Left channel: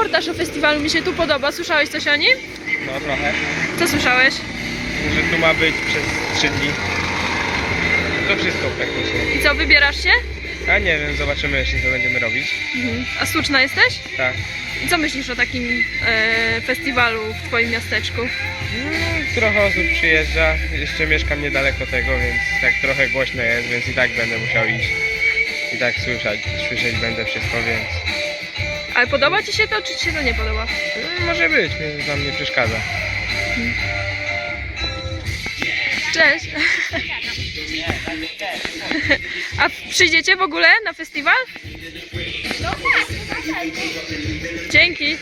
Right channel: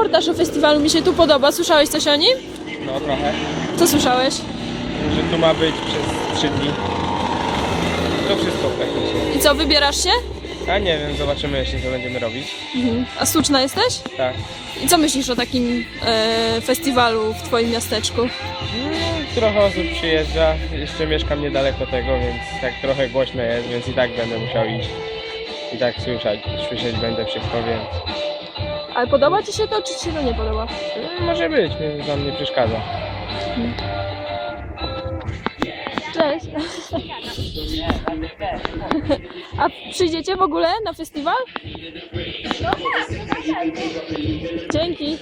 reportaż o festiwalu, mi się tu podoba. Słyszałeś coś o nim? No trochę. Co słyszałeś? Że tu ma być przez 3 dni. To wszystko praktycznie. I co, wybierasz się? A nie wiem, zobaczymy jeszcze co będziemy robić. Mhm. A Słuczna jesteś? Tak. I co myślisz o takim e, festiwalu w twoim miasteczku? Mm, trochę osób przyjeżdża. Jeszcze mieszkam niedaleko tego, więc tak trochę głośno jest, więc i tak będę musiał iść. I tak słyszeć, słyszeć będę wszystko, więc Ale podoba ci się to, czy ci się to nie podoba? mm, może być, mnie tam nie przeszkadza. Cześć! A przyjdziecie w ogóle na festiwal? Dzięki!